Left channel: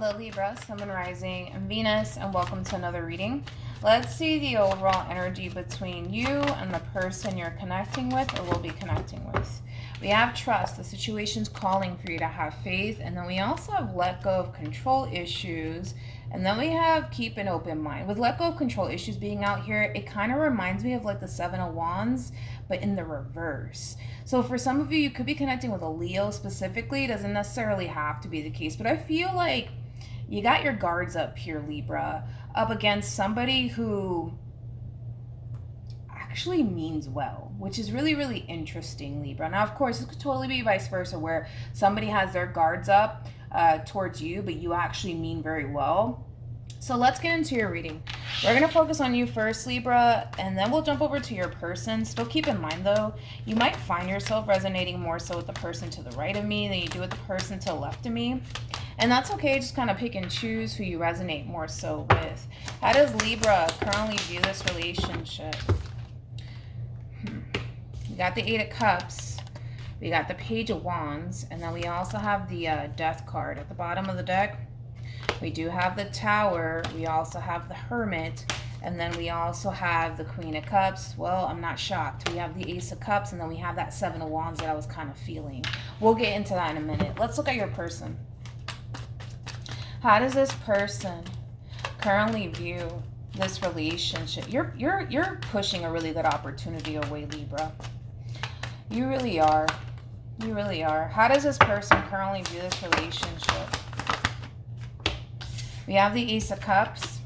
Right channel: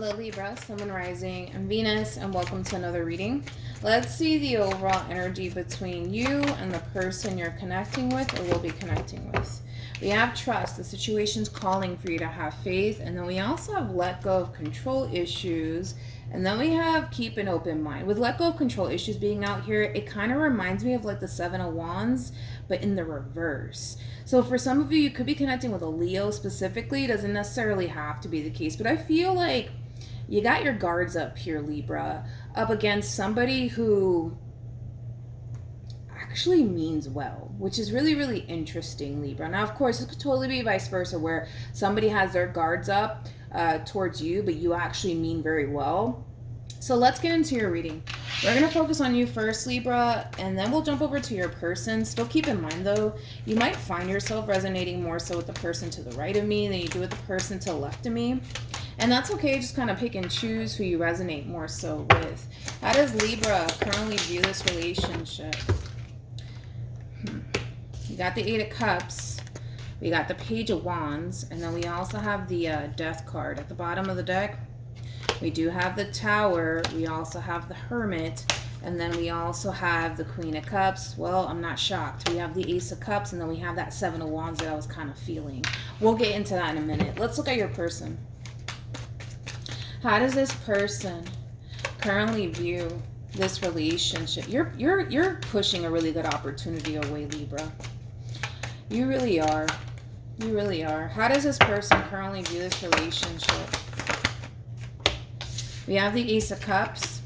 Hello Libra, Sun, Moon, Rising, and Venus, and welcome to another reading. Let's see the overall energy between you and the person you're connecting with or will be connecting with. We have trust, the situation's calling for you to have faith, and then we also have let go of control issues, and then we have keep an open mind. With let go of control issues being out here, it kind of reminds me of like the Seven of Wands, but in the reverse. So for some of you, you could be connecting with a Leo specifically. It doesn't necessarily have to be the case, but I feel like you got your guards up here, Libra, up against somebody who actually means well, which is really, really interesting, Libra. Now, of course, it could totally be vice versa, where somebody has their guards up towards you, but you actually mean very well. So let's get into your reading. We're going to focus on you first, Libra, and then we'll jump over to your person. Still keep in mind, though, you might find yourself resonating more so with the person to the right of me than you do with the person to the left of me. And that's okay, just kind of pick and choose who you resonate more so with. How does Libra currently view this relationship? You got the Eight of Cups, we got the Page of Wands, and then we also have the Death card at the bottom of the deck. We do have the Tower, we also have the Hermit, and then we also have the Queen of Cups. Well, I'm not shocked. We have the Ace of Cups, and then we have that Seven of Wands that I was kind of feeling. We'll get into that in a minute. Let's look at your person. How does this person currently view this relationship? You're pushing a really good opportunity away, Libra. You really are. You really are. How does this person currently view this relationship? We have the Ace of Cups.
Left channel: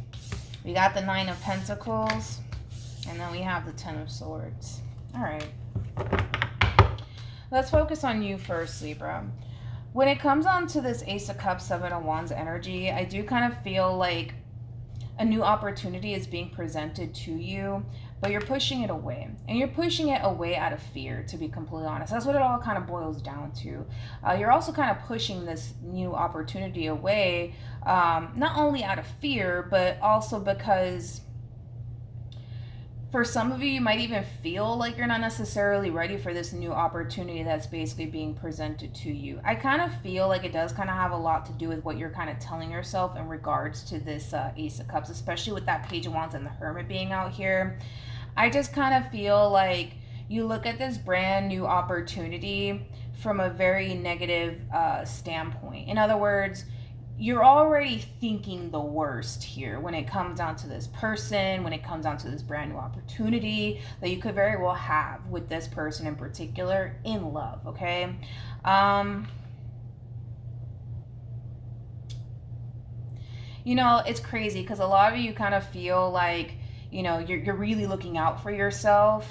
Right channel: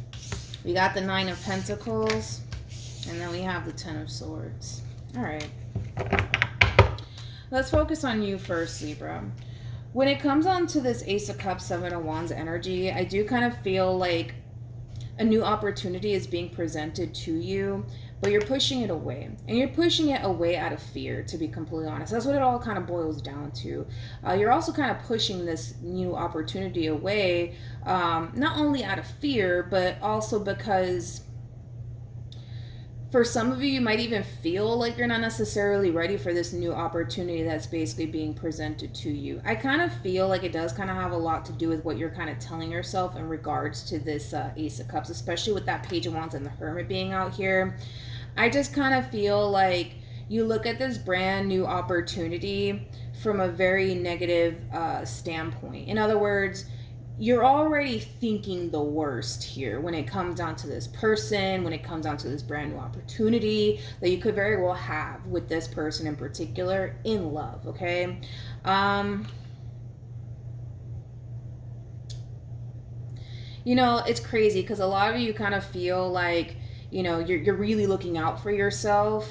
We got the Nine of Pentacles. And then we have the Ten of Swords. All right. Let's focus on you first, Libra. When it comes on to this Ace of Cups, Seven of Wands energy, I do kind of feel like a new opportunity is being presented to you, but you're pushing it away. And you're pushing it away out of fear, to be completely honest. That's what it all kind of boils down to. You're also kind of pushing this new opportunity away, not only out of fear, but also because for some of you, you might even feel like you're not necessarily ready for this new opportunity that's basically being presented to you. I kind of feel like it does kind of have a lot to do with what you're kind of telling yourself in regards to this Ace of Cups, especially with that Page of Wands and the Hermit being out here. I just kind of feel like you look at this brand new opportunity from a very negative standpoint. In other words, you're already thinking the worst here when it comes down to this person, when it comes down to this brand new opportunity that you could very well have with this person in particular in love, okay? You know, it's crazy because a lot of you kind of feel like, you know, you're really looking out for yourself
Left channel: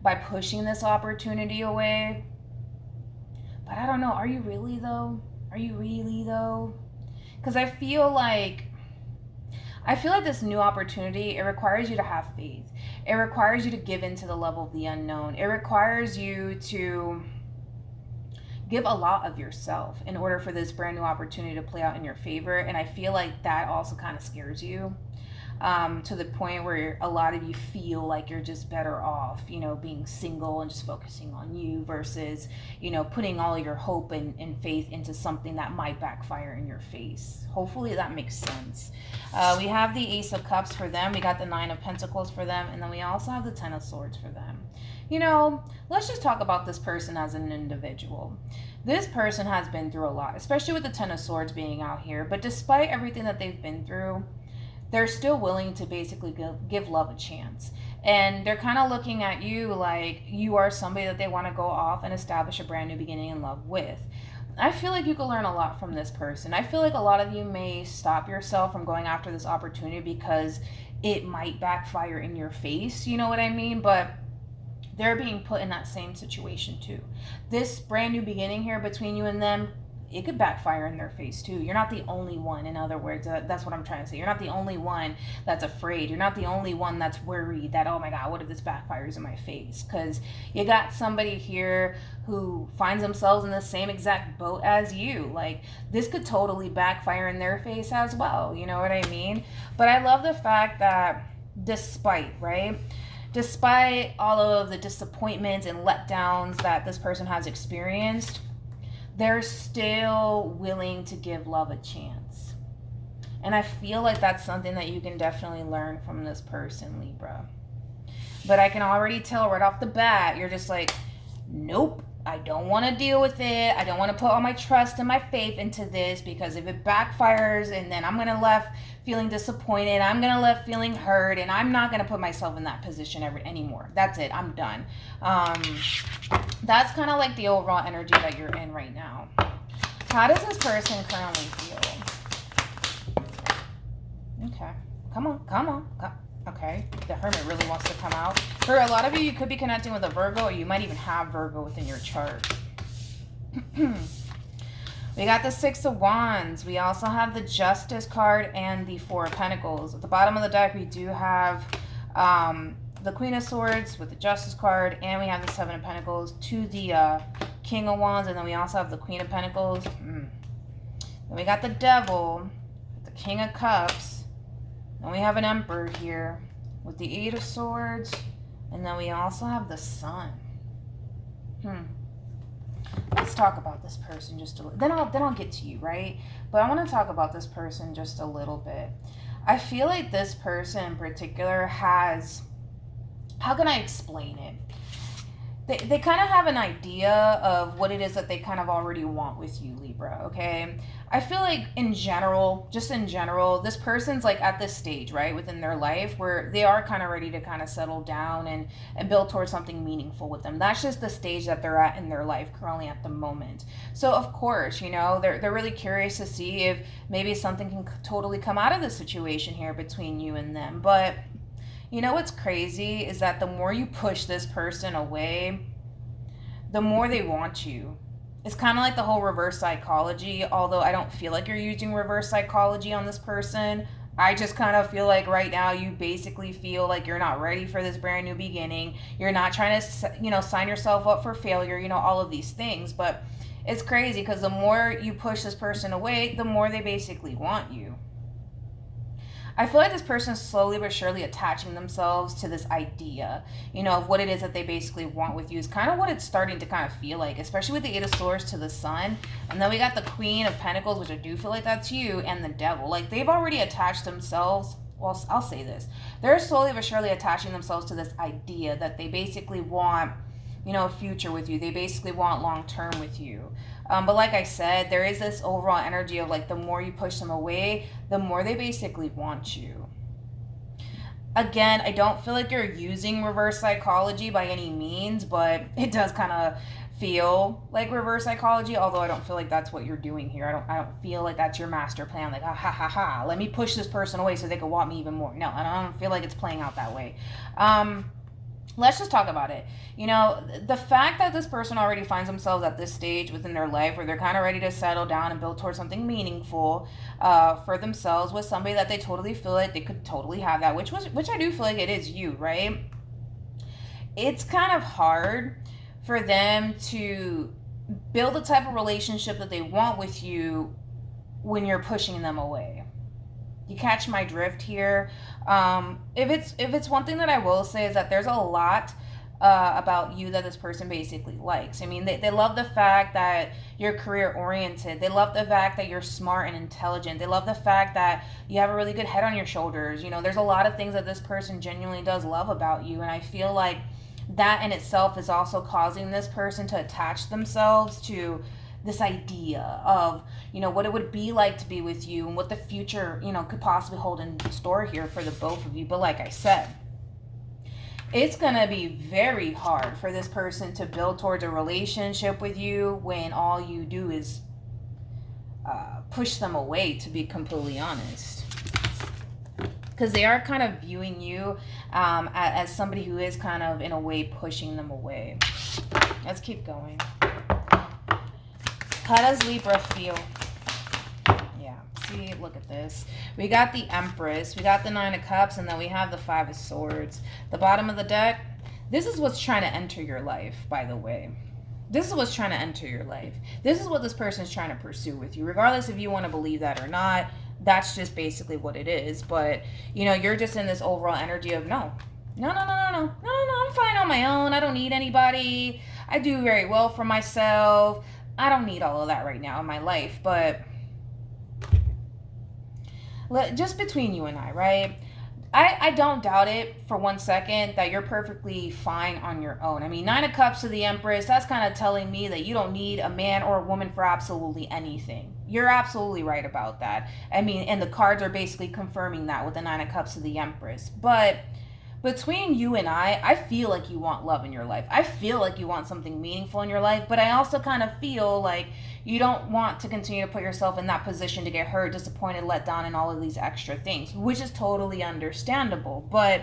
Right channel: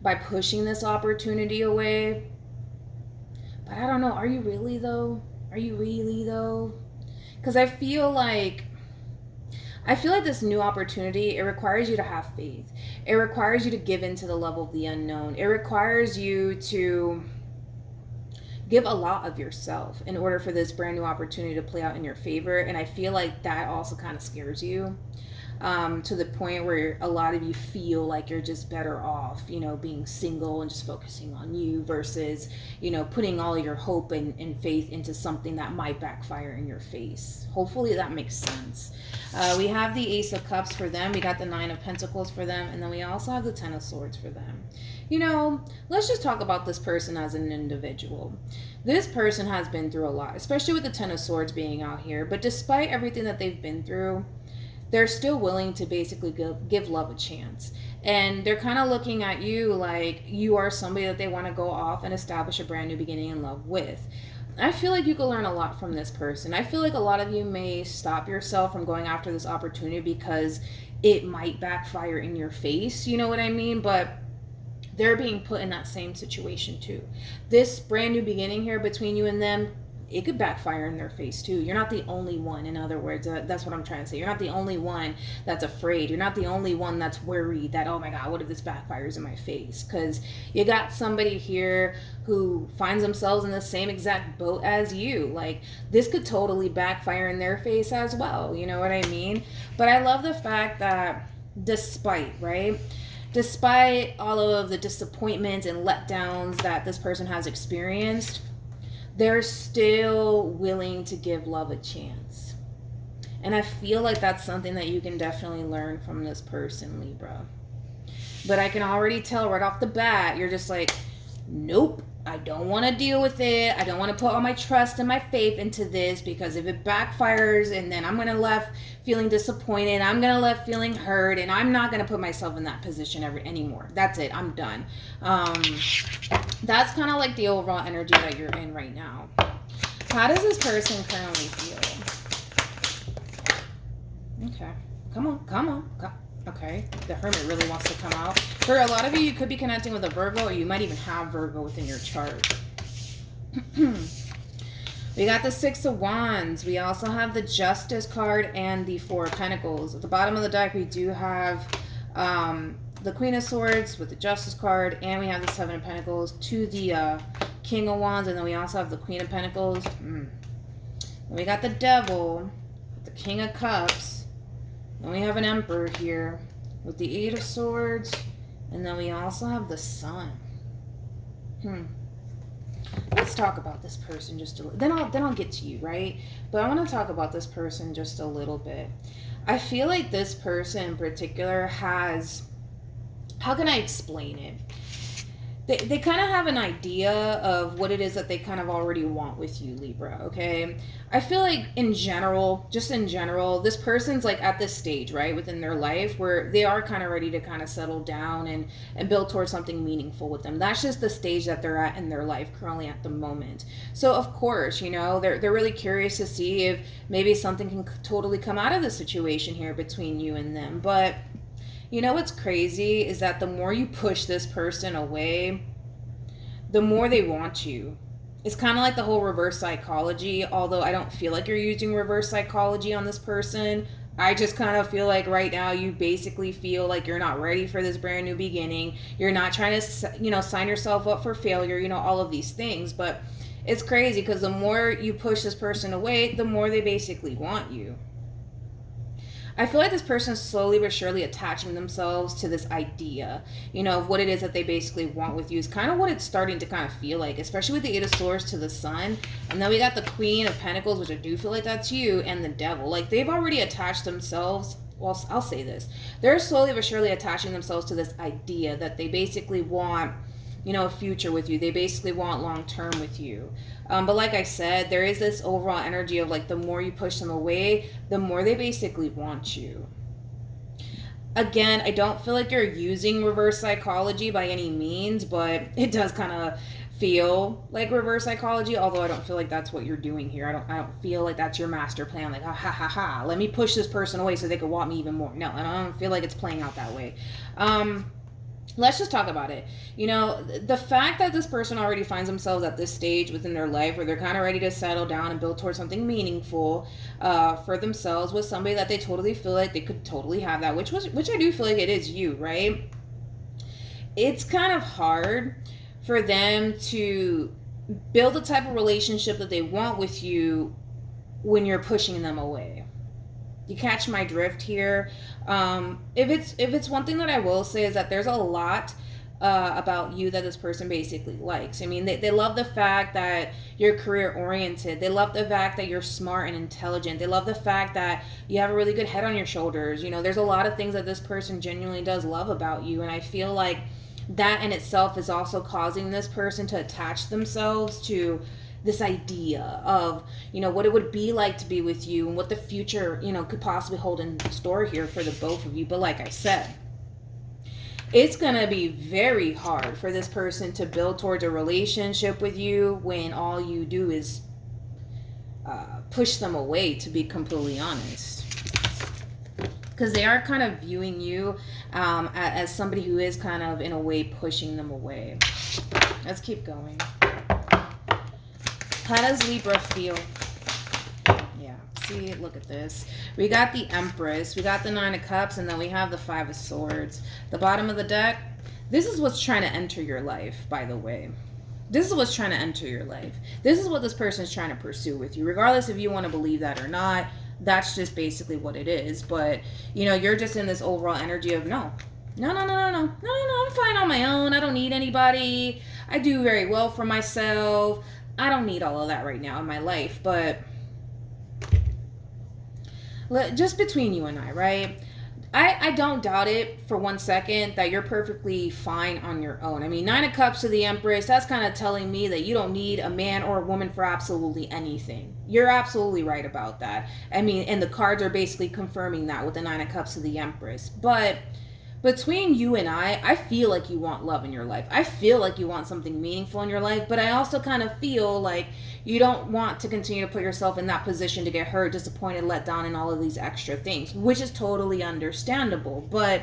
by pushing this opportunity away. But I don't know, are you really though? Are you really though? Because I feel like this new opportunity, it requires you to have faith. It requires you to give into the level of the unknown. It requires you to give a lot of yourself in order for this brand new opportunity to play out in your favor. And I feel like that also kind of scares you. To the point where a lot of you feel like you're just better off, you know, being single and just focusing on you versus, you know, putting all your hope and faith into something that might backfire in your face. Hopefully that makes sense. We have the Ace of Cups for them. We got the Nine of Pentacles for them. And then we also have the Ten of Swords for them. You know, let's just talk about this person as an individual. This person has been through a lot, especially with the Ten of Swords being out here. But despite everything that they've been through, they're still willing to basically give love a chance. And they're kind of looking at you like you are somebody that they want to go off and establish a brand new beginning in love with. I feel like you could learn a lot from this person. I feel like a lot of you may stop yourself from going after this opportunity because it might backfire in your face. You know what I mean? But they're being put in that same situation too. This brand new beginning here between you and them, it could backfire in their face too. You're not the only one. In other words, that's what I'm trying to say. You're not the only one that's afraid. You're not the only one that's worried that, oh my God, what if this backfires in my face? Because you got somebody here who finds themselves in the same exact boat as you. Like, this could totally backfire in their face as well. You know what I mean? But I love the fact that despite all of the disappointments and letdowns that this person has experienced, they're still willing to give love a chance. is. And I feel like that's something that you can definitely learn from this person, Libra. But I can already tell right off the bat, you're just like, nope, I don't want to deal with it. I don't want to put all my trust and my faith into this, because if it backfires and then I'm going to left feeling disappointed, I'm going to left feeling hurt, and I'm not going to put myself in that position anymore. That's it. I'm done. That's kind of like the overall energy that you're in right now. How does this person currently feel? Okay. Come on. Okay. The Hermit really wants to come out. For a lot of you, you could be connecting with a Virgo, or you might even have Virgo within your chart. We got the Six of Wands. We also have the Justice card and the Four of Pentacles. At the bottom of the deck, we do have the Queen of Swords with the Justice card, and we have the Seven of Pentacles to the King of Wands, and then we also have the Queen of Pentacles. Then we got the Devil, the King of Cups, and we have an Emperor here with the Eight of Swords, and then we also have the Sun. Let's talk about this person just a little. Then I'll get to you, right? But I want to talk about this person just a little bit. I feel like this person in particular has, how can I explain it? They kind of have an idea of what it is that they kind of already want with you, Libra, okay? I feel like in general, this person's like at this stage, right, within their life where they are kind of ready to kind of settle down and build towards something meaningful with them. That's just the stage that they're at in their life currently at the moment. So of course, you know, they're really curious to see if maybe something can totally come out of the situation here between you and them. But you know what's crazy is that the more you push this person away, the more they want you. It's kind of like the whole reverse psychology, although I don't feel like you're using reverse psychology on this person. I just kind of feel like right now you basically feel like you're not ready for this brand new beginning. You're not trying to, you know, sign yourself up for failure, you know, all of these things. But it's crazy because the more you push this person away, the more they basically want you. I feel like this person is slowly but surely attaching themselves to this idea, you know, of what it is that they basically want with you. Is kind of what it's starting to kind of feel like, especially with the Eight of Swords to the Sun. And then we got the Queen of Pentacles, which I do feel like that's you, and the Devil. Like, they've already attached themselves. Well, I'll say this. They're slowly but surely attaching themselves to this idea that they basically want, you know, a future with you. They basically want long-term with you. But like I said, there is this overall energy of like the more you push them away, the more they basically want you. Again, I don't feel like you're using reverse psychology by any means, but it does kind of feel like reverse psychology, although I don't feel like that's what you're doing here. I don't feel like that's your master plan, like ha, let me push this person away so they can want me even more. No, I don't feel like it's playing out that way. Let's just talk about it. You know, the fact that this person already finds themselves at this stage within their life where they're kind of ready to settle down and build towards something meaningful for themselves with somebody that they totally feel like they could totally have that, which I do feel like it is you, right? It's kind of hard for them to build the type of relationship that they want with you when you're pushing them away. You catch my drift here? If it's one thing that I will say is that there's a lot about you that this person basically likes. I mean, they love the fact that you're career oriented. They love the fact that you're smart and intelligent. They love the fact that you have a really good head on your shoulders. You know, there's a lot of things that this person genuinely does love about you, and I feel like that in itself is also causing this person to attach themselves to this idea of, you know, what it would be like to be with you and what the future, you know, could possibly hold in store here for the both of you. But like I said, it's gonna be very hard for this person to build towards a relationship with you when all you do is push them away, to be completely honest. Because they are kind of viewing you as somebody who is kind of, in a way, pushing them away. Let's keep going. How does Libra feel? Yeah, see, look at this. We got the Empress, we got the Nine of Cups, and then we have the Five of Swords. The bottom of the deck, this is what's trying to enter your life, by the way. This is what's trying to enter your life. This is what this person is trying to pursue with you, regardless if you want to believe that or not. That's just basically what it is. But, you know, you're just in this overall energy of no, I'm fine on my own. I don't need anybody. I do very well for myself. I don't need all of that right now in my life. But Just between you and I, right? I don't doubt it for 1 second that you're perfectly fine on your own. I mean, Nine of Cups to the Empress, that's kind of telling me that you don't need a man or a woman for absolutely anything. You're absolutely right about that. I mean, and the cards are basically confirming that with the Nine of Cups to the Empress. But between you and I feel like you want love in your life. I feel like you want something meaningful in your life, but I also kind of feel like you don't want to continue to put yourself in that position to get hurt, disappointed, let down, and all of these extra things, which is totally understandable. But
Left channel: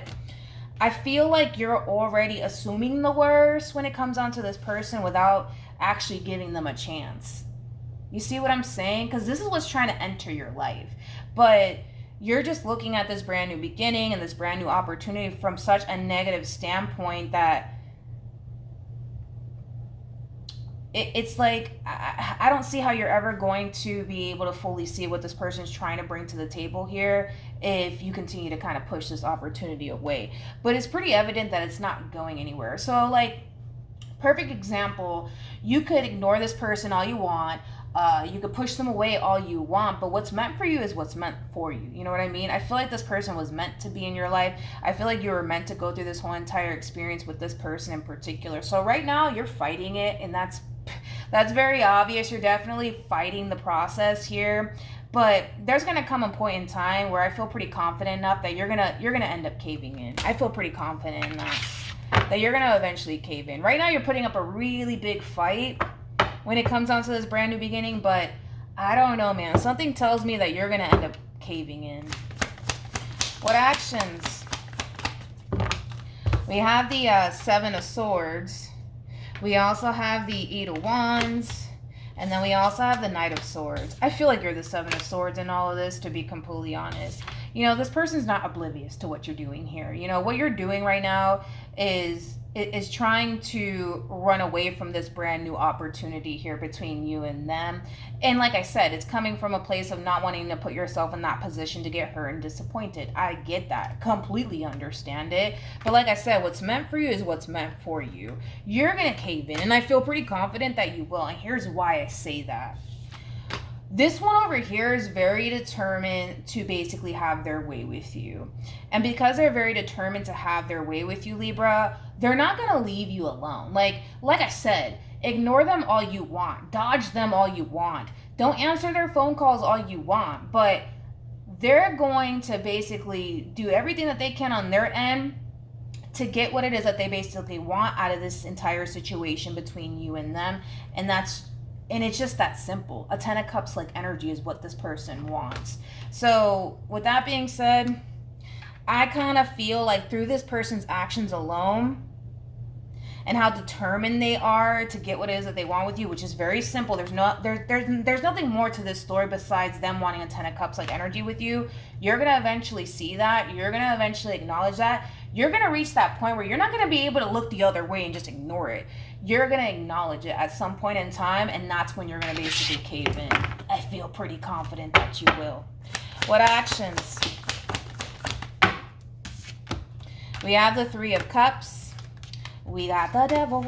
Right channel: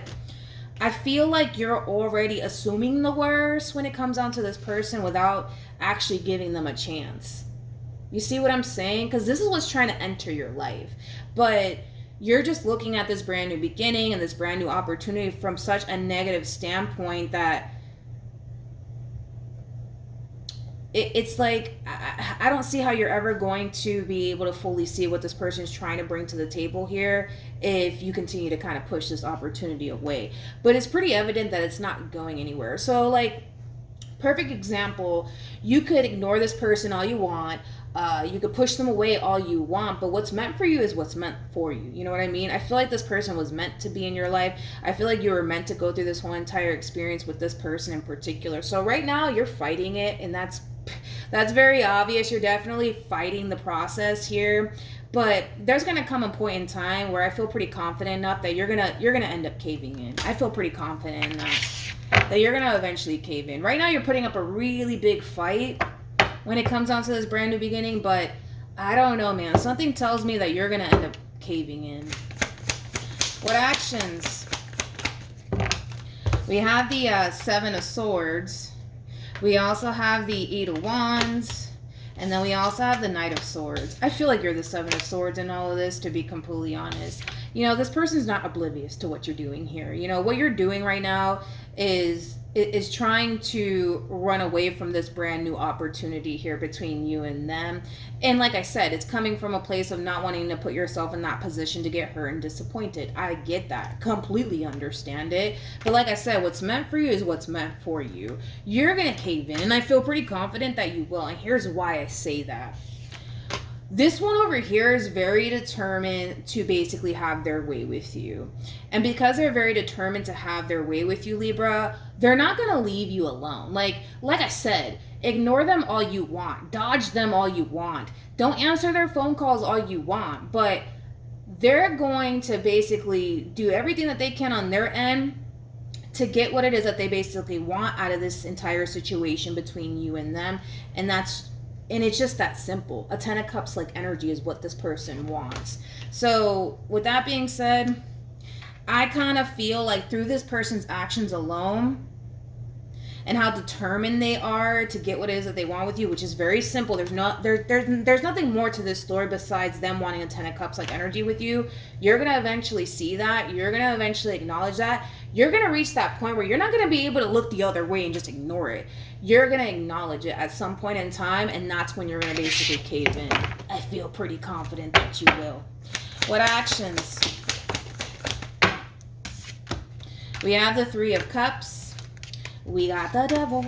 I feel like you're already assuming the worst when it comes down to this person without actually giving them a chance. You see what I'm saying? Because this is what's trying to enter your life. But you're just looking at this brand new beginning and this brand new opportunity from such a negative standpoint that it's like, I don't see how you're ever going to be able to fully see what this person is trying to bring to the table here if you continue to kind of push this opportunity away. But it's pretty evident that it's not going anywhere. So, like, perfect example, you could ignore this person all you want. You could push them away all you want, but what's meant for you is what's meant for you. You know what I mean? I feel like this person was meant to be in your life. I feel like you were meant to go through this whole entire experience with this person in particular. So right now you're fighting it, and that's very obvious. You're definitely fighting the process here. But there's gonna come a point in time where I feel pretty confident enough that you're gonna end up caving in. I feel pretty confident in that you're gonna eventually cave in. Right now you're putting up a really big fight when it comes down to this brand new beginning, but I don't know, man. Something tells me that you're gonna end up caving in. What actions? We have the Seven of Swords. We also have the Eight of Wands. And then we also have the Knight of Swords. I feel like you're the Seven of Swords in all of this, to be completely honest. You know, this person's not oblivious to what you're doing here. You know, what you're doing right now is trying to run away from this brand new opportunity here between you and them. And like I said, it's coming from a place of not wanting to put yourself in that position to get hurt and disappointed. I get that. Completely understand it. But like I said, what's meant for you is what's meant for you. You're going to cave in, and I feel pretty confident that you will. And here's why I say that. This one over here is very determined to basically have their way with you. And because they're very determined to have their way with you, Libra, they're not going to leave you alone. Like I said, ignore them all you want. Dodge them all you want. Don't answer their phone calls all you want. But they're going to basically do everything that they can on their end to get what it is that they basically want out of this entire situation between you and them. And it's just that simple. A Ten of Cups like energy is what this person wants. So with that being said, I kind of feel like through this person's actions alone and how determined they are to get what it is that they want with you, which is very simple. There's nothing more to this story besides them wanting a Ten of Cups like energy with you. You're going to eventually see that. You're going to eventually acknowledge that. You're going to reach that point where you're not going to be able to look the other way and just ignore it. You're going to acknowledge it at some point in time, and that's when you're going to basically cave in. I feel pretty confident that you will. What actions? We have the Three of Cups. We got the Devil.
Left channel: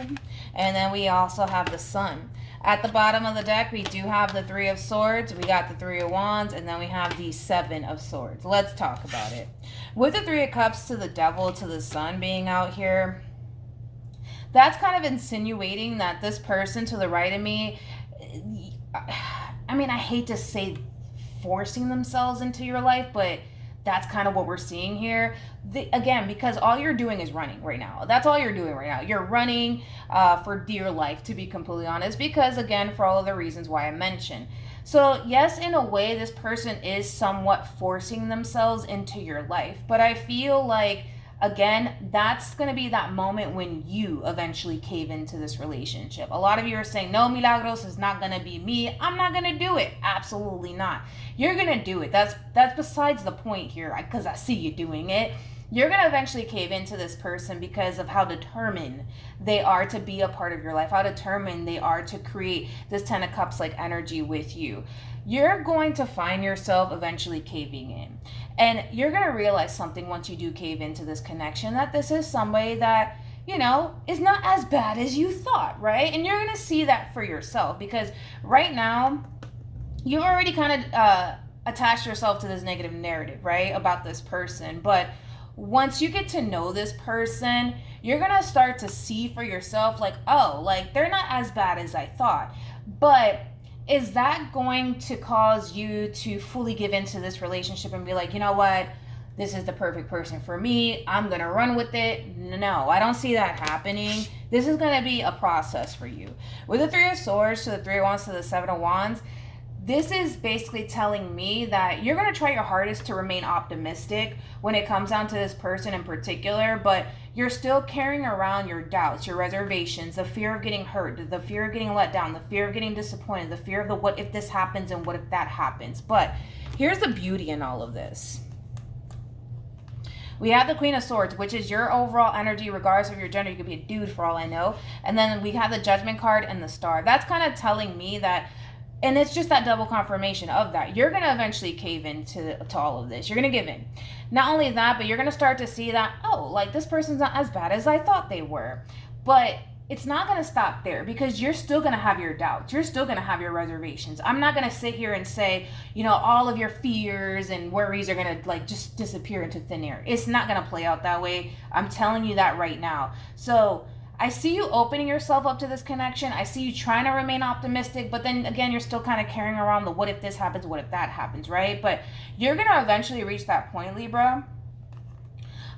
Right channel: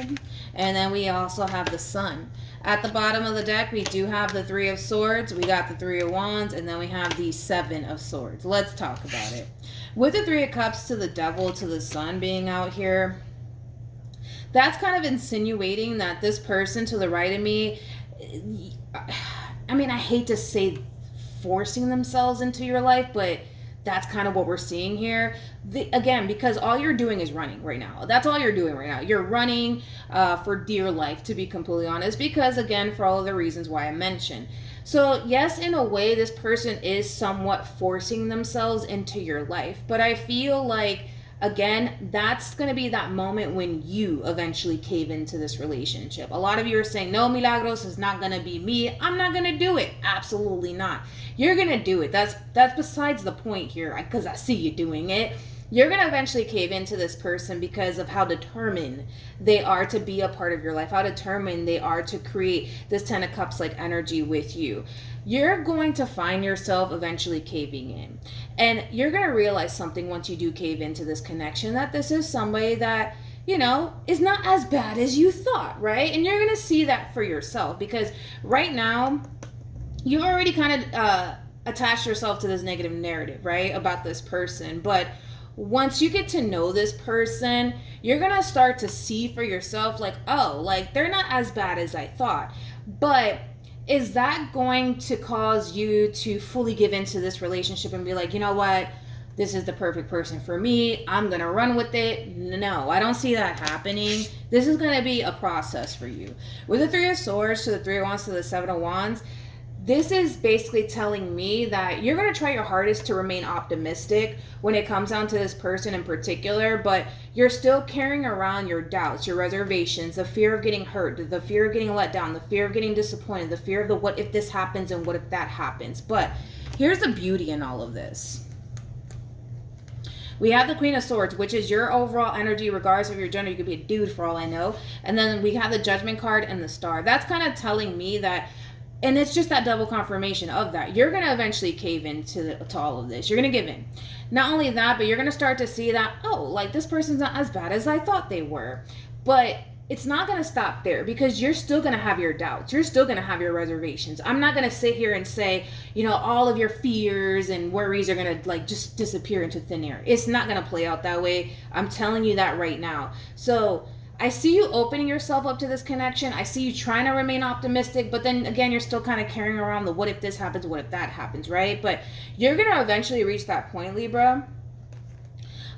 And then we also have the Sun. At the bottom of the deck, we do have the Three of Swords. We got the Three of Wands. And then we have the Seven of Swords. Let's talk about it. With the Three of Cups to the Devil to the Sun being out here, that's kind of insinuating that this person to the right of me, I mean, I hate to say forcing themselves into your life, but that's kind of what we're seeing here. Again, because all you're doing is running right now. That's all you're doing right now. You're running for dear life, to be completely honest, because, again, for all of the reasons why I mentioned. So, yes, in a way, this person is somewhat forcing themselves into your life. But I feel like, again, that's going to be that moment when you eventually cave into this relationship. A lot of you are saying, no, Milagros, is not going to be me. I'm not going to do it. Absolutely not. You're going to do it. That's besides the point here, because I see you doing it. You're going to eventually cave into this person because of how determined they are to be a part of your life, how determined they are to create this Ten of Cups like energy with you. You're going to find yourself eventually caving in. And you're going to realize something once you do cave into this connection, that this is somebody that, you know, is not as bad as you thought, right? And you're going to see that for yourself, because right now, you're already kind of attach yourself to this negative narrative, right, about this person. But once you get to know this person, you're gonna start to see for yourself, like, oh, like, they're not as bad as I thought. But is that going to cause you to fully give into this relationship and be like, you know what, this is the perfect person for me, I'm gonna run with it? No, I don't see that happening. This is gonna be a process for you. With the Three of Swords to the Three of Wands to the Seven of Wands, this is basically telling me that you're going to try your hardest to remain optimistic when it comes down to this person in particular, but you're still carrying around your doubts, your reservations, the fear of getting hurt, the fear of getting let down, the fear of getting disappointed, the fear of the what if this happens and what if that happens. But here's the beauty in all of this. We have the Queen of Swords, which is your overall energy, regardless of your gender. You could be a dude for all I know. And then we have the Judgment card and the Star. That's kind of telling me that, and it's just that double confirmation of that, you're going to eventually cave into to all of this. You're going to give in. Not only that, but you're going to start to see that, oh, like, this person's not as bad as I thought they were. But it's not going to stop there, because you're still going to have your doubts. You're still going to have your reservations. I'm not going to sit here and say, you know, all of your fears and worries are going to, like, just disappear into thin air. It's not going to play out that way. I'm telling you that right now. So I see you opening yourself up to this connection. I see you trying to remain optimistic, but then again, you're still kind of carrying around the what if this happens, what if that happens, right? But you're going to eventually reach that point, Libra,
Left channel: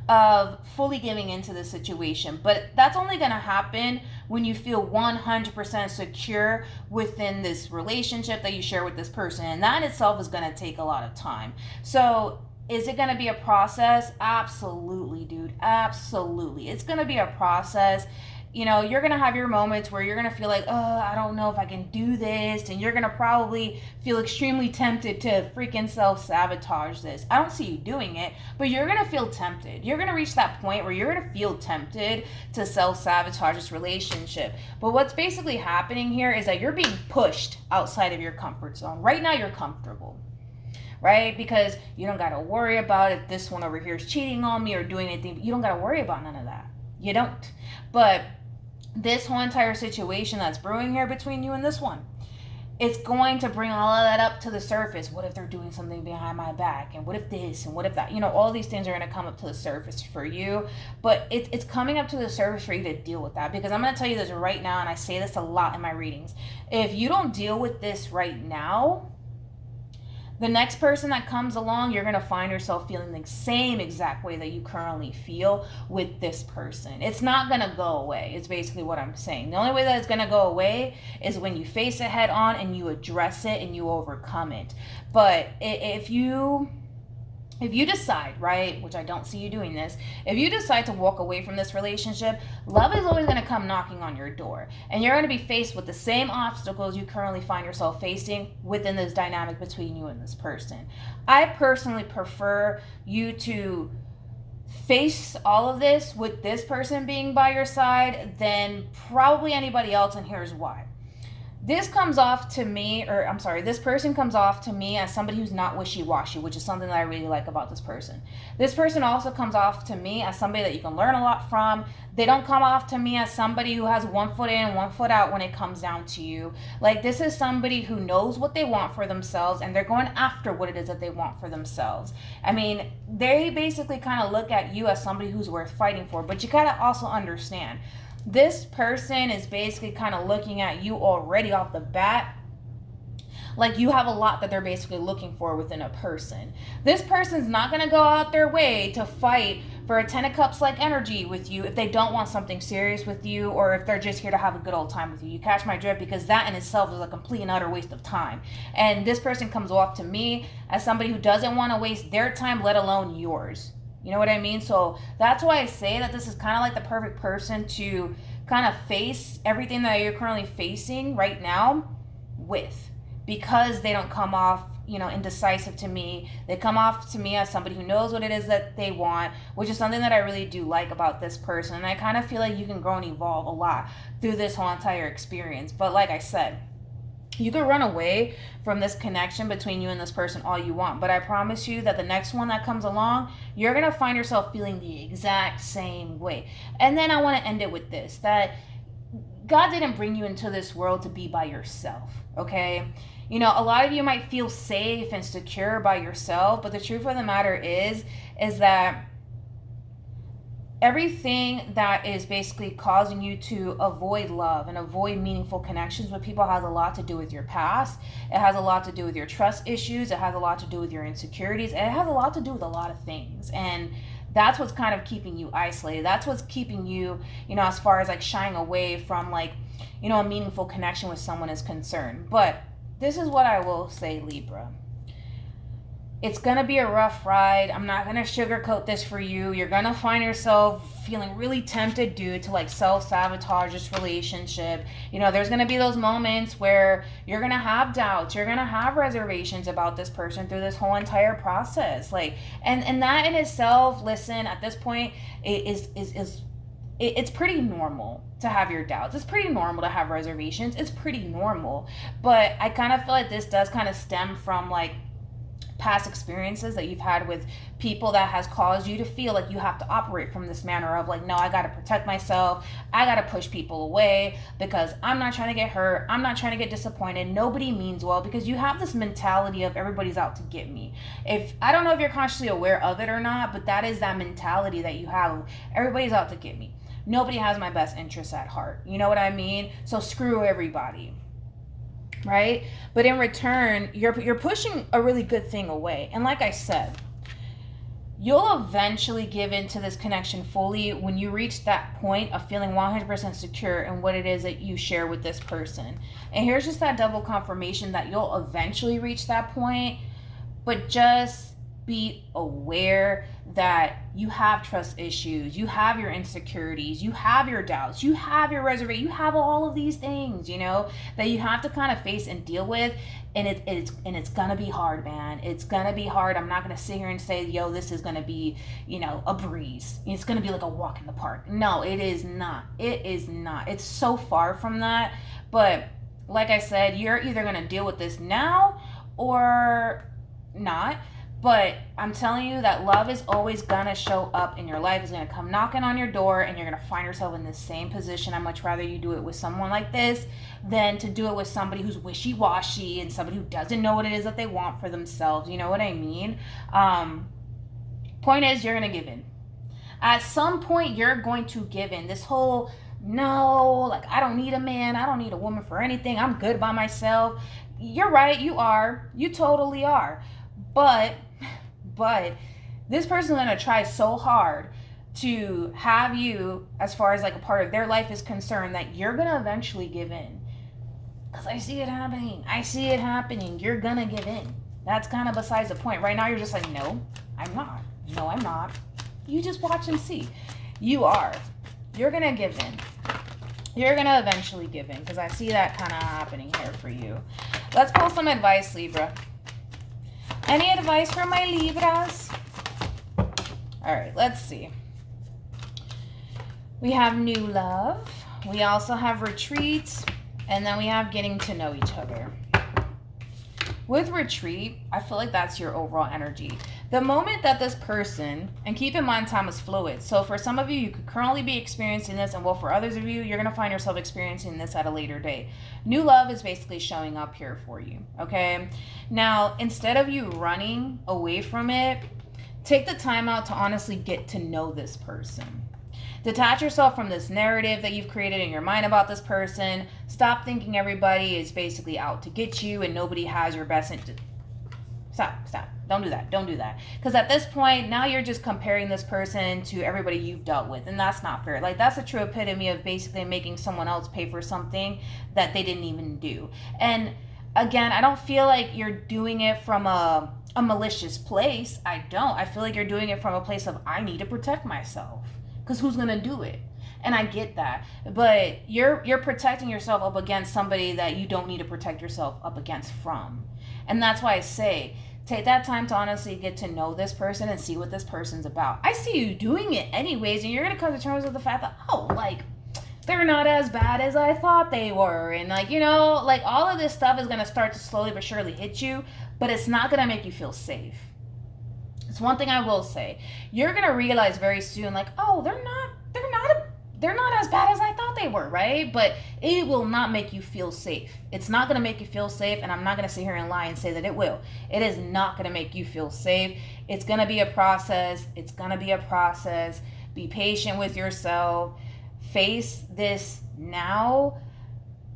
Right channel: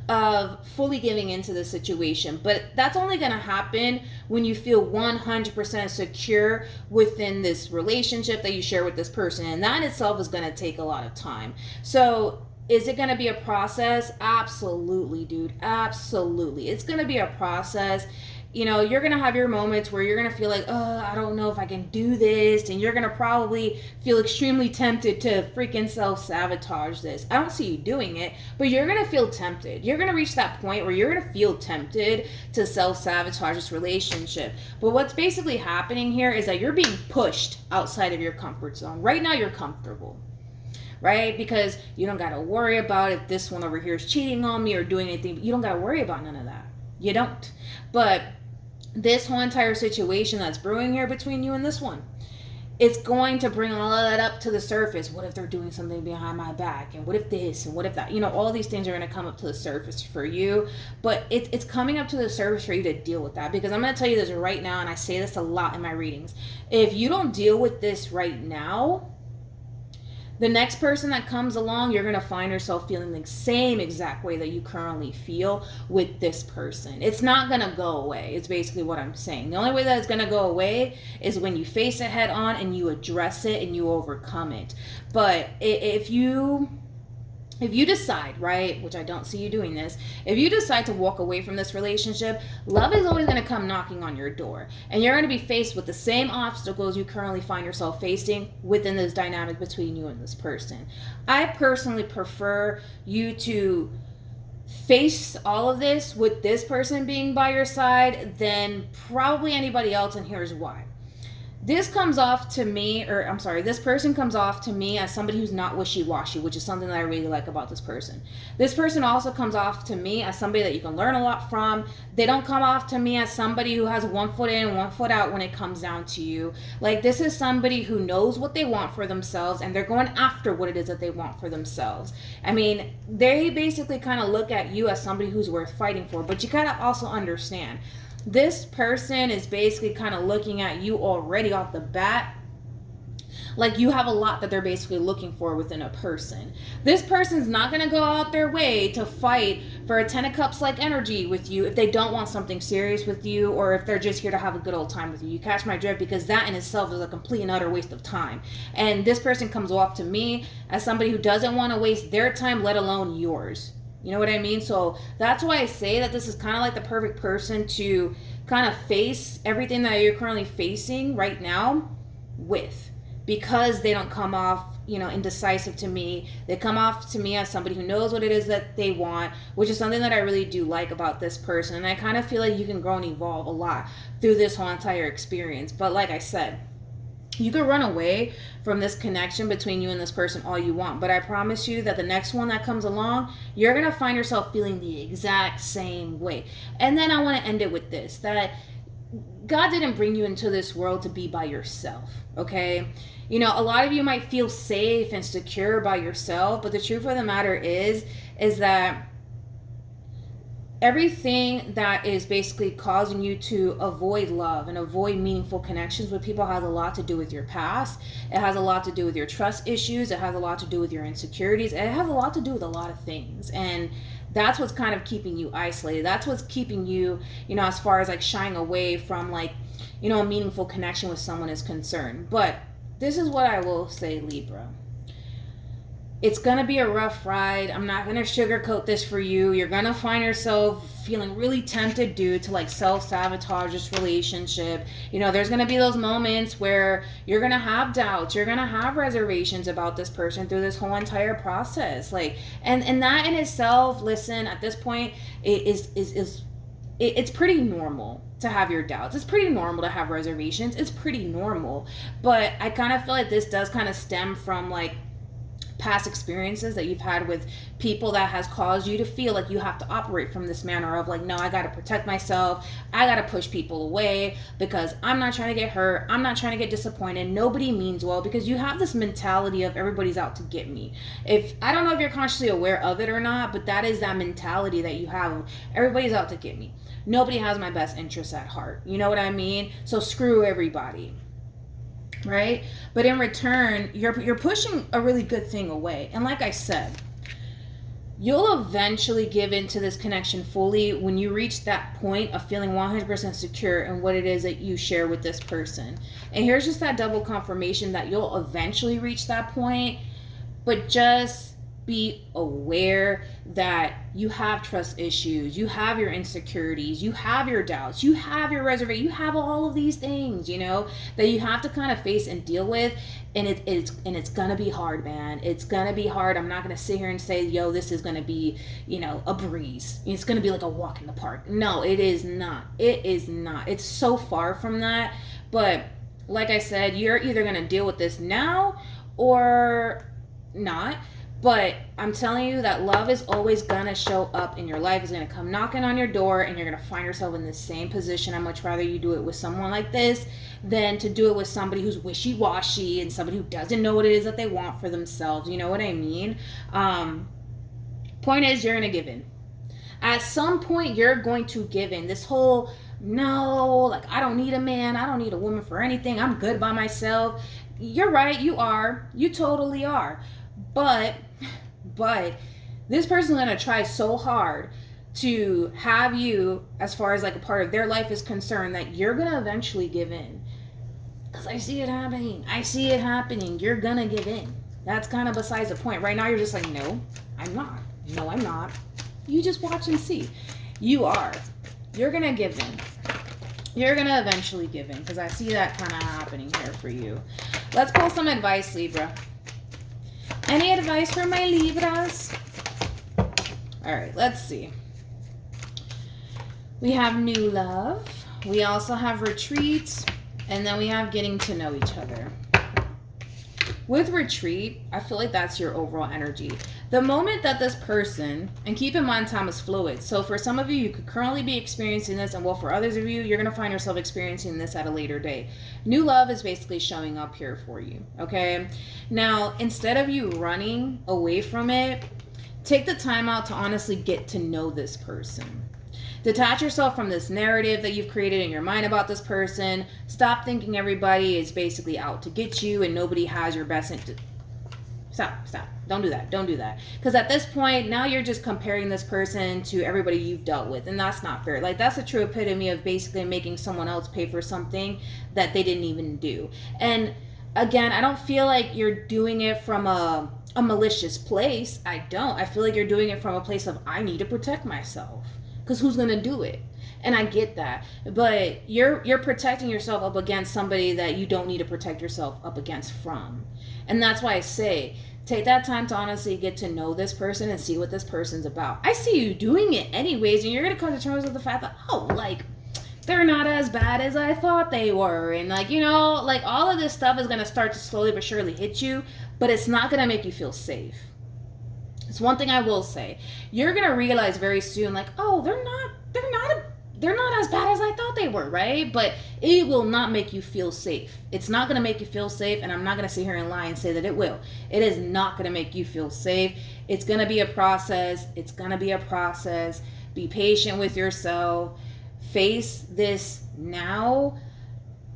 of fully giving into the situation. But that's only going to happen when you feel 100% secure within this relationship that you share with this person. And that in itself is going to take a lot of time. So is it going to be a process? Absolutely, dude. Absolutely. It's going to be a process. You know, you're going to have your moments where you're going to feel like, oh, I don't know if I can do this. And you're going to probably feel extremely tempted to freaking self-sabotage this. I don't see you doing it, but you're going to feel tempted. You're going to reach that point where you're going to feel tempted to self-sabotage this relationship. But what's basically happening here is that you're being pushed outside of your comfort zone. Right now, you're comfortable, right? Because you don't got to worry about if this one over here is cheating on me or doing anything. You don't got to worry about none of that. You don't. But this whole entire situation that's brewing here between you and this one, it's going to bring all of that up to the surface. What if they're doing something behind my back? And what if this? And what if that? You know, all these things are going to come up to the surface for you. But it's coming up to the surface for you to deal with that. Because I'm going to tell you this right now, and I say this a lot in my readings. If you don't deal with this right now, the next person that comes along, you're going to find yourself feeling the same exact way that you currently feel with this person. It's not going to go away. It's basically what I'm saying. The only way that it's going to go away is when you face it head on and you address it and you overcome it. But if you decide, right, which I don't see you doing this, if you decide to walk away from this relationship, love is always going to come knocking on your door. And you're going to be faced with the same obstacles you currently find yourself facing within this dynamic between you and this person. I personally prefer you to face all of this with this person being by your side than probably anybody else, and here's why. This person comes off to me as somebody who's not wishy-washy, which is something that I really like about this person. This person also comes off to me as somebody that you can learn a lot from. They don't come off to me as somebody who has 1 foot in, 1 foot out when it comes down to you. Like, this is somebody who knows what they want for themselves, and they're going after what it is that they want for themselves. I mean, they basically kind of look at you as somebody who's worth fighting for, but you gotta also understand, this person is basically kind of looking at you already off the bat like you have a lot that they're basically looking for within a person. This person's not going to go out their way to fight for a 10 of Cups like energy with you if they don't want something serious with you, or if they're just here to have a good old time with you. You catch my drift? Because that in itself is a complete and utter waste of time. And this person comes off to me as somebody who doesn't want to waste their time, let alone yours. You know what I mean? So that's why I say that this is kind of like the perfect person to kind of face everything that you're currently facing right now with, because they don't come off, you know, indecisive to me. They come off to me as somebody who knows what it is that they want, which is something that I really do like about this person. And I kind of feel like you can grow and evolve a lot through this whole entire experience. But like I said, you can run away from this connection between you and this person all you want, but I promise you that the next one that comes along, you're going to find yourself feeling the exact same way. And then I want to end it with this, that God didn't bring you into this world to be by yourself, okay? You know, a lot of you might feel safe and secure by yourself, but the truth of the matter is that everything that is basically causing you to avoid love and avoid meaningful connections with people has a lot to do with your past. It has a lot to do with your trust issues. It has a lot to do with your insecurities. And it has a lot to do with a lot of things. And that's what's kind of keeping you isolated. That's what's keeping you, you know, as far as like shying away from like, you know, a meaningful connection with someone is concerned. But this is what I will say, Libra. It's going to be a rough ride. I'm not going to sugarcoat this for you. You're going to find yourself feeling really tempted, dude, to like self-sabotage this relationship. You know, there's going to be those moments where you're going to have doubts. You're going to have reservations about this person through this whole entire process. Like, and that in itself, listen, at this point, it's pretty normal to have your doubts. It's pretty normal to have reservations. It's pretty normal. But I kind of feel like this does kind of stem from like past experiences that you've had with people that has caused you to feel like you have to operate from this manner of like, no, I got to protect myself. I got to push people away because I'm not trying to get hurt. I'm not trying to get disappointed. Nobody means well, because you have this mentality of everybody's out to get me. If I don't know if you're consciously aware of it or not, but that is that mentality that you have. Everybody's out to get me. Nobody has my best interests at heart. You know what I mean? So screw everybody. Right? But in return, you're pushing a really good thing away. And like I said, you'll eventually give into this connection fully when you reach that point of feeling 100% secure in what it is that you share with this person. And here's just that double confirmation that you'll eventually reach that point, but just be aware that you have trust issues, you have your insecurities, you have your doubts, you have your reservation, you have all of these things, you know, that you have to kind of face and deal with. And it's gonna be hard, man. It's gonna be hard. I'm not gonna sit here and say, yo, this is gonna be, you know, a breeze. It's gonna be like a walk in the park. No, it is not. It is not. It's so far from that. But like I said, you're either gonna deal with this now or not. But I'm telling you that love is always gonna show up in your life. It's gonna come knocking on your door, and you're gonna find yourself in the same position. I'd much rather you do it with someone like this than to do it with somebody who's wishy-washy and somebody who doesn't know what it is that they want for themselves. You know what I mean? Point is, you're gonna give in. At some point, you're going to give in. This whole, no, like, I don't need a man, I don't need a woman for anything, I'm good by myself. You're right, you are. You totally are. But this person's going to try so hard to have you as far as like a part of their life is concerned that you're going to eventually give in. Because I see it happening. You're going to give in. That's kind of besides the point. Right now you're just like, no, I'm not. No, I'm not. You just watch and see. You are. You're going to give in. You're going to eventually give in, because I see that kind of happening here for you. Let's pull some advice, Libra. Any advice for my Libras? All right, let's see. We have new love. We also have retreats. And then we have getting to know each other. With retreat, I feel like that's your overall energy. The moment that this person, and keep in mind time is fluid. So for some of you, you could currently be experiencing this, and well, for others of you, you're going to find yourself experiencing this at a later date. New love is basically showing up here for you, okay? Now, instead of you running away from it, take the time out to honestly get to know this person. Detach yourself from this narrative that you've created in your mind about this person. Stop thinking everybody is basically out to get you and nobody has your best interest. Stop. Don't do that. Because at this point, now you're just comparing this person to everybody you've dealt with, and that's not fair. Like, that's a true epitome of basically making someone else pay for something that they didn't even do. And again, I don't feel like you're doing it from a malicious place. I don't. I feel like you're doing it from a place of, I need to protect myself. Because who's going to do it? And I get that. But you're protecting yourself up against somebody that you don't need to protect yourself up against from. And that's why I say, take that time to honestly get to know this person and see what this person's about. I see you doing it anyways, and you're going to come to terms with the fact that, oh, like, they're not as bad as I thought they were. And, like, you know, like, all of this stuff is going to start to slowly but surely hit you, but it's not going to make you feel safe. It's one thing I will say. You're going to realize very soon, like, oh, they're not they're not as bad as I thought they were, right? But it will not make you feel safe. It's not going to make you feel safe, and I'm not going to sit here and lie and say that it will. It is not going to make you feel safe. It's going to be a process. It's going to be a process. Be patient with yourself. Face this now,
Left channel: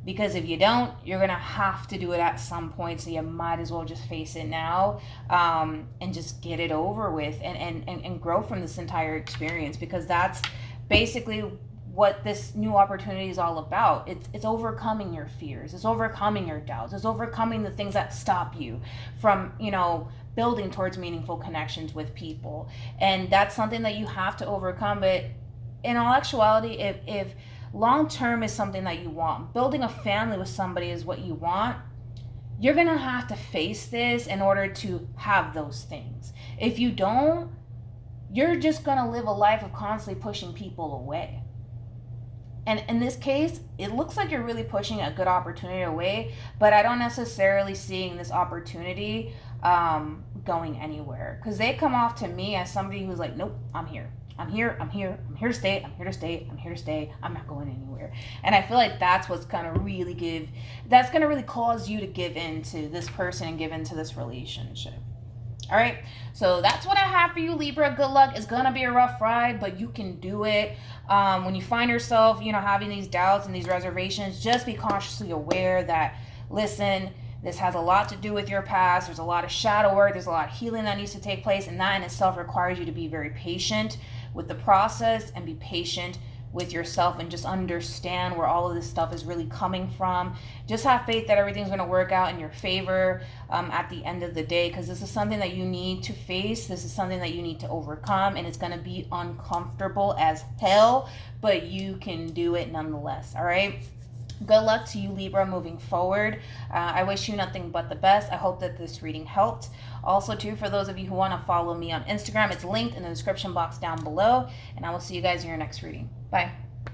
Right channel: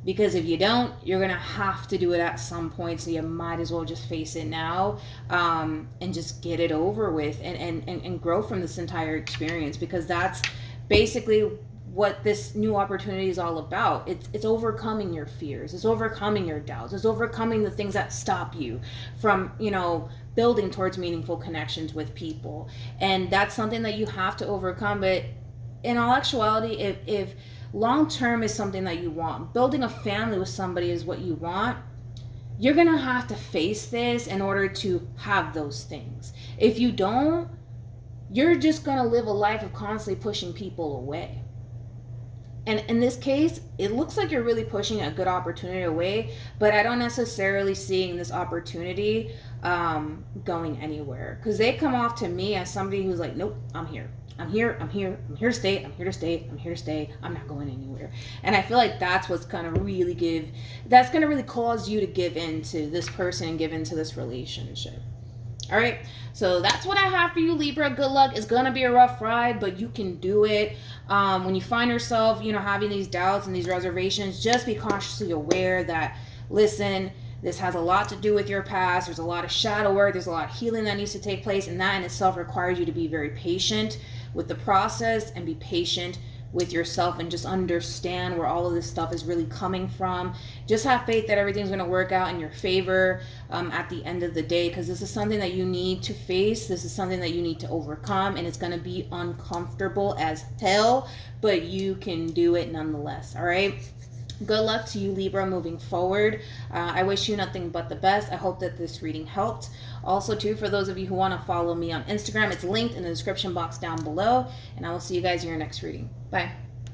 because if you don't, you're going to have to do it at some point, so you might as well just face it now, and just get it over with, and grow from this entire experience, because that's basically what this new opportunity is all about. It's overcoming your fears. It's overcoming your doubts. It's overcoming the things that stop you from, building towards meaningful connections with people. And that's something that you have to overcome. But in all actuality, if long term is something that you want, building a family with somebody is what you want, you're gonna have to face this in order to have those things. If you don't, you're just gonna live a life of constantly pushing people away. And in this case, it looks like you're really pushing a good opportunity away, but I don't necessarily seeing this opportunity going anywhere, because they come off to me as somebody who's like, nope, I'm here to stay, I'm here to stay, I'm not going anywhere. And I feel like that's what's gonna really cause you to give in to this person and give into this relationship. All right, so that's what I have for you, Libra. Good luck. It's gonna be a rough ride, but you can do it. When you find yourself, having these doubts and these reservations, just be consciously aware that, listen, this has a lot to do with your past. There's a lot of shadow work. There's a lot of healing that needs to take place, and that in itself requires you to be very patient with the process and be patient with yourself, and just understand where all of this stuff is really coming from. Just have faith that everything's going to work out in your favor at the end of the day, because this is something that you need to face. This is something that you need to overcome, and it's going to be uncomfortable as hell, but you can do it nonetheless. All right, good luck to you, Libra, moving forward. I wish you nothing but the best. I hope that this reading helped. Also, too, for those of you who want to follow me on Instagram, it's linked in the description box down below, and I will see you guys in your next reading. Bye.